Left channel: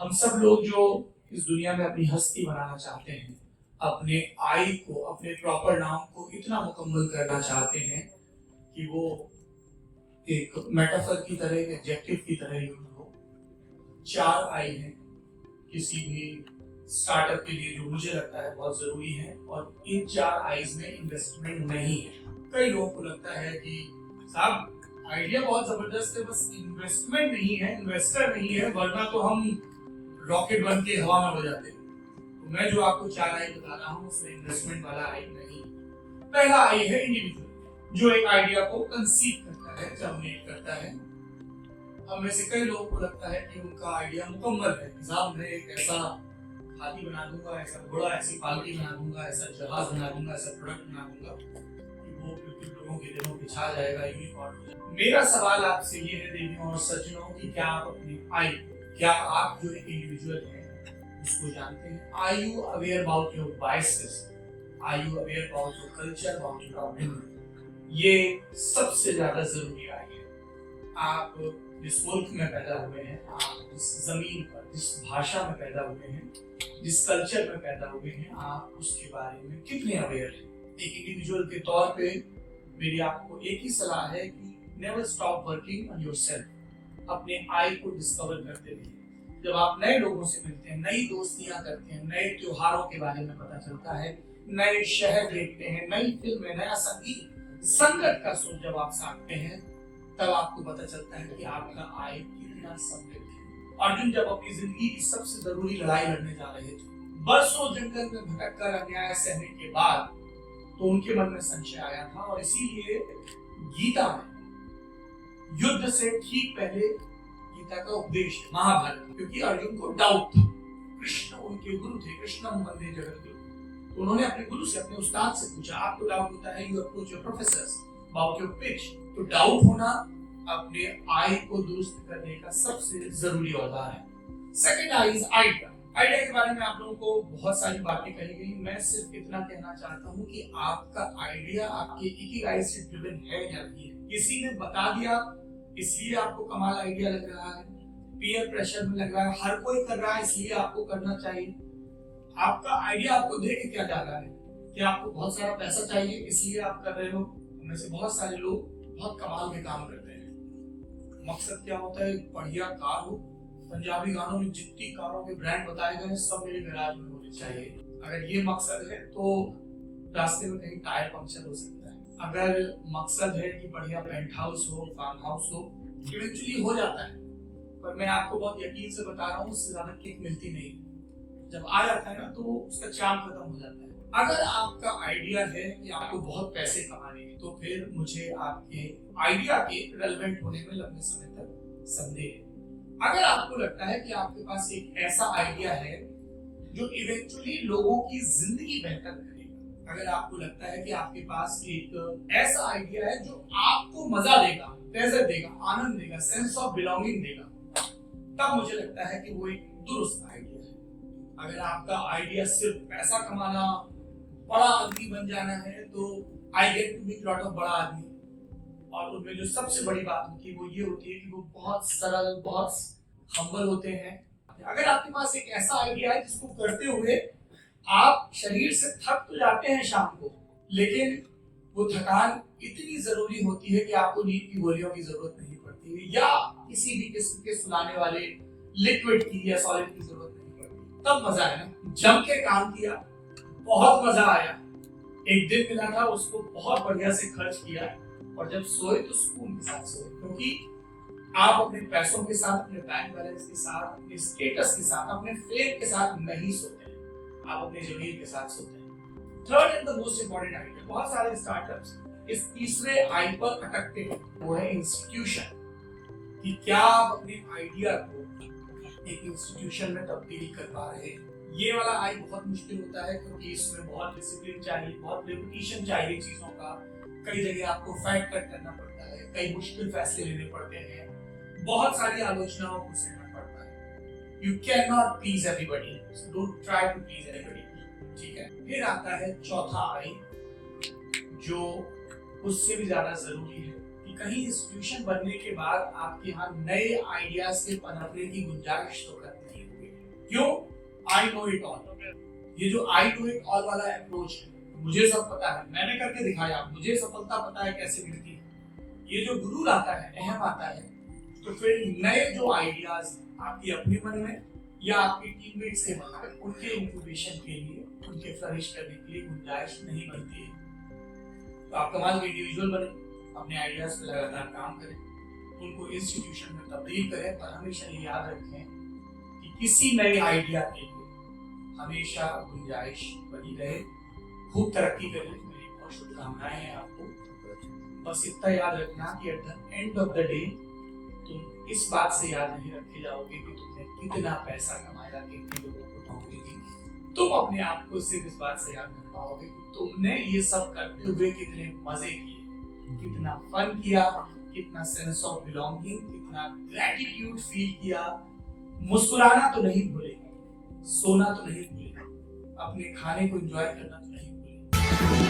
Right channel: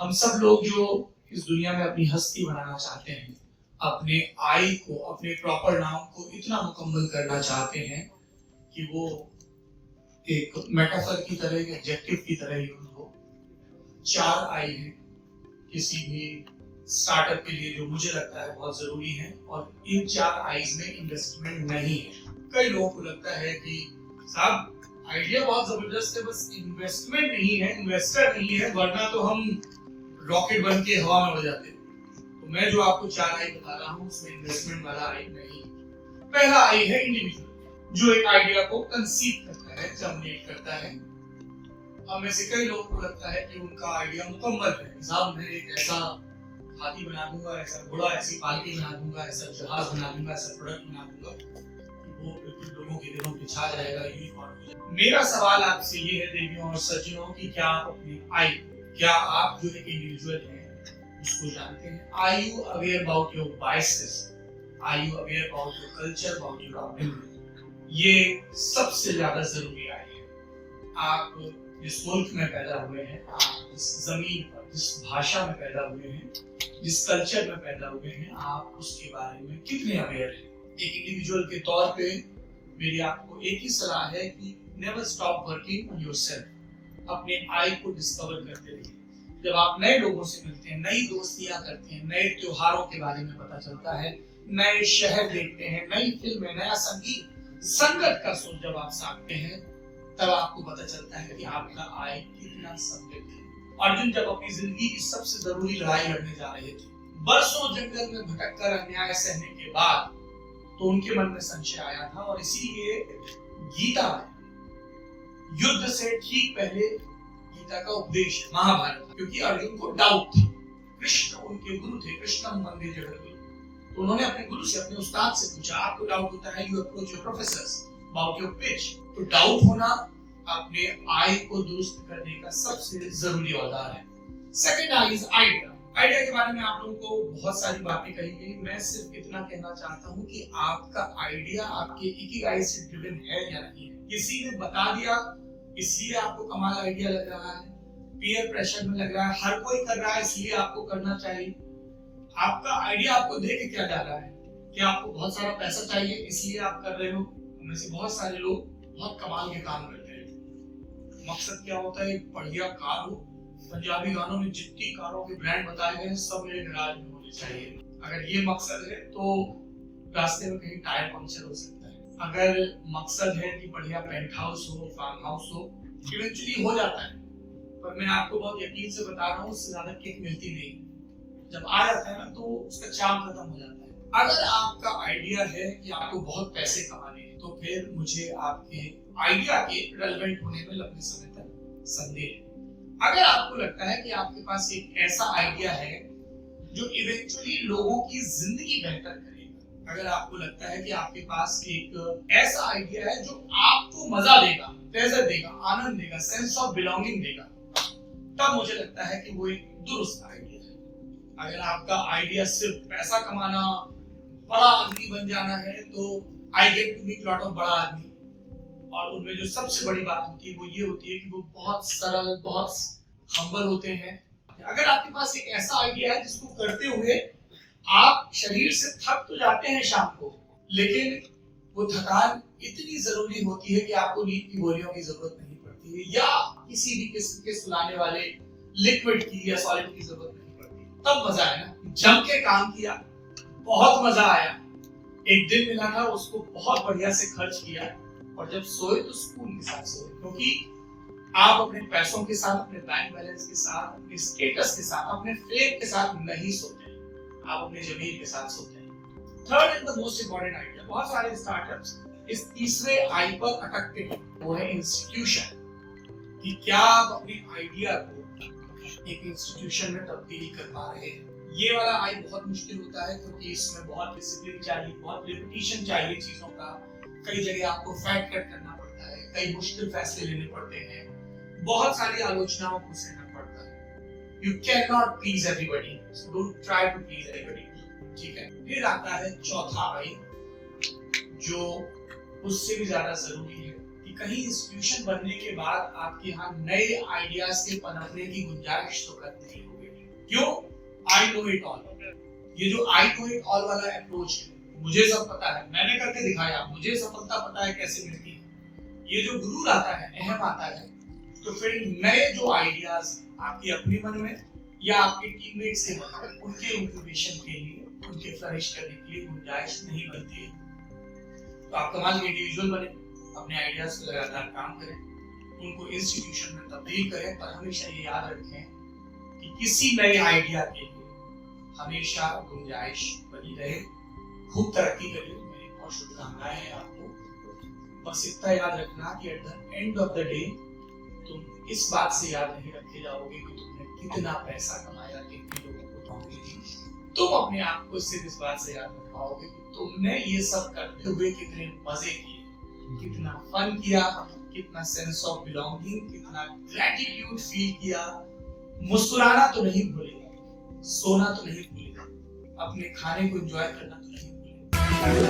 हम सब लोग जो इस दुनिया में अपनी हस्ती बनाना चाहते हैं, अपने आई को, अपने प्रॉपर नाम को इतना मुकम्मल करना चाहते हैं कि वो एक मेटाफर की तरह, एक एडजेक्टिव की तरह यूज हो। 4 आई हैं किसी भी स्टार्टअप के लिए जो मुझे लगता है बहुत जरूरी है, और इन 4 आईज में इन्वेस्टमेंट नहीं है। कई लोगों को लगता है कि साहब आइडिया बहुत जबरदस्त है, बस इन्वेस्टमेंट नहीं है, इन्वेस्टर नहीं है, वरना तो हम रॉकेट बन के हवा में उड़ जाते। तो मैं जो आपको 4 आई बता रहा हूँ उसमें इन्वेस्टमेंट वाला आई नहीं। पहला आई है इंडिविजुअल, जो एक आइडिया को कंसीव करता है, जर्मिनेट करता है। अब में से कई लोगों को लगता है कि उनका आइडिया मुकम्मल है, साहब मैं एक ऐसा हाथी बना दूंगा, ऐसा घोड़ा, ऐसी पालकी बना दूंगा, ऐसा जहाज बना दूंगा, ऐसा प्रोडक्ट बना दूंगा कि वो बिल्कुल लोगों के दिलों पे छा जाएगा, यूनिकॉर्न। मेरा सवाल आपसे ये है देवियों और सज्जनों कि क्या आप अपनी आई, क्या आप जो एक इंडिविजुअल हैं उसको जानते हैं? Are you aware about your biases? Are you aware about your culture, about your upbringing? ये सबसे ज्यादा जरूरी आई है। आप जिस मुल्क में पैदा हुए हैं, आप जिस जमीन पर, जिस भाषा में पैदा हुए हैं, जिस कल्चर में पैदा हुए हैं, आप उसके बारे में कितने अवेयर हैं? एक इंडिविजुअल के तौर पे मेरी आपको एक ही सलाह है कि never stop working on yourself. अपने आई को डिस्कवर करते रहिए। जब आप नए लोगों से मिलते हैं, नई दोस्तियां करते हैं, नए त्योहारों के बारे में पता चलता है, नए शहर देखते हैं, नई फिल्में, नया संगीत, संगत का सुर जब आप साधते हैं, तब आपको पता चलता है कि आपका आई कितना समृद्ध है। अर्जुन जब अपनी जिंदगी की सबसे जरूरी लड़ाई लड़ने जा रहे थे, बरसों जंगल में भटककर अन्याय सहने के बाद, तो उनके मन में संशय आया था, और इसीलिए गीता में युद्ध से ठीक पहले गीता का उपदेश है, महाभारत, क्योंकि अर्जुन को डाउट था। कृष्ण उनके गुरु थे, कृष्णम वंदे जगद्गुरु। तो उन्होंने अपने गुरु से, अपने उस्ताद से पूछा, आपको डाउट होता है, you approach your professors about your pitch. तो डाउट होना अपने आई को दुरुस्त करने का सबसे जरूरी औजार है। Second I is idea. Idea के बारे में आप लोगों को बहुत सारी बातें कही गई, मैं सिर्फ इतना कहना चाहता हूँ कि आपका आइडिया आपके इकिगाई से ड्रिवन है या नहीं है। किसी ने बता दिया इसलिए आपको कमाल आइडिया लग रहा है, पीयर प्रेशर में लग रहा है, हर कोई कर रहा है इसलिए आपको करना चाहिए। आपका आइडिया आपको दे के क्या डाला है? क्या आपको बहुत सारा पैसा चाहिए इसलिए आप कर रहे हो? उनमें से बहुत सारे लोग बहुत कमाल के काम करते हैं। मकसद क्या होता है? एक बढ़िया कार हो। पंजाबी गानों में जितनी कारों के ब्रांड बताए गए हैं सब मेरे गैराज में होने चाहिए। अगर ये मकसद है तो रास्ते में कहीं टायर पंक्चर हो सकता है। अगर मकसद है कि बढ़िया पेंट हाउस हो, फार्म हाउस हो, इवेंचुअली हो जाता है, पर मैं आपको बहुत यकीन से बता रहा हूँ उससे ज्यादा किक मिलती नहीं। जब आ जाता है ना तो उसका चार्म खत्म हो जाता है। अगर आपका आइडिया है कि आपको बहुत पैसे कमाने हैं, तो फिर मुझे आपके आइडिया के रेलेवेंट होने में लंबे समय तक संदेह है। अगर आपको लगता है कि आपके पास एक ऐसा आइडिया है जो इवेंचुअली लोगों की जिंदगी बेहतर करेगा, अगर आपको लगता है कि आपके पास एक ऐसा आइडिया है जो आपको मजा देगा, प्लेजर देगा, आनंद देगा, सेंस ऑफ बिलोंगिंग देगा, तब मुझे लगता है कि वो एक दुरुस्त आइडिया है। अगर आपका आइडिया सिर्फ पैसा कमाना, बड़ा आदमी बन जाना है, तो I get to meet lot of बड़ा आदमी, और उनमें जो सबसे बड़ी बात होती है वो ये होती है कि वो बहुत सरल, बहुत हम्बल होते हैं। अगर आपके पास एक ऐसा आइडिया है जिसको करते हुए आप शरीर से थक तो जाते हैं शाम को, लेकिन वो थकान इतनी जरूरी होती है कि आपको नींद की गोलियों की जरूरत नहीं पड़ती है, या किसी भी किस्म के सुलाने वाले लिक्विड की या सॉलिड की जरूरत नहीं पड़ती, तब मजा है ना। जम के काम किया, बहुत मजा आया, एक दिन मिला था उसको बहुत बढ़िया से खर्च किया, और जब सोए तो सुकून के साथ सोए, क्योंकि आप अपने पैसों के साथ, अपने बैंक बैलेंस के साथ, अपने स्टेटस के साथ, अपने फेम के साथ नहीं सोते, आप अपने जमीर के साथ सोते हैं। Third and the most important idea, बहुत सारे स्टार्टअप्स इस तीसरे आई पर अटकते हैं, वो है इंस्टीट्यूशन। कि क्या आप अपने आइडिया को एक इंस्टीट्यूशन में तब्दील कर पा रहे हैं? ये वाला आई बहुत मुश्किल होता है, क्योंकि इसमें बहुत डिसिप्लिन चाहिए, बहुत रिपीटिशन चाहिए चीजों का। कई जगह आपको फैट कट करना पड़ता है, कई मुश्किल फैसले लेने पड़ते हैं, बहुत सारी आलोचनाओं को सहना पड़ता है। You can not please everybody, so don't try to please everybody, ठीक है। फिर आता है चौथा आई, जो उससे भी ज्यादा जरूरी है कि कहीं इंस्टीट्यूशन बनने के बाद आपके यहाँ नए आइडियाज के पनपने की गुंजाइश तो खत्म नहीं होगी। क्यों? I know it all. ये जो आई नो इट ऑल वाला अप्रोच है, मुझे सब पता है, मैंने करके दिखाया, मुझे सफलता पता है कैसे मिलती है, ये जो गुरूर आता है, अहम आता है, तो फिर नए जो आइडियाज आपके अपने मन में या आपके टीममेट से मन में, उनके इंक्यूबेशन के लिए, उनके फ्लरिश करने के लिए गुंजाइश नहीं बनती है। तो आप कमाल के इंडिविजुअल बने, अपने आइडियाज पे लगातार काम करें, उनको इंस्टीट्यूशन में तब्दील करें, पर हमेशा ये याद रखें कि किसी नए आइडिया के लिए हमेशा गुंजाइश बनी रहे। खूब तरक्की करें, मेरी बहुत शुभकामनाएं हैं आपको। बस इतना याद रखना कि at the end of the day तुम इस बात से याद नहीं रखे जाओगे कि तुमने कितना पैसा कमाया, कितने लोगों को नौकरी दी। तुम अपने आप को सिर्फ इस बात से याद रख पाओगे कि तुमने ये सब करते हुए कितने मजे किए, कितना फन किया, कितना सेंस ऑफ बिलोंगिंग, कितना ग्रेटिट्यूड फील किया। मुस्कुराना तो नहीं भूलेगा, सोना तो नहीं भूलेगा, अपने खाने को एंजॉय करना तो नहीं भूलेगा।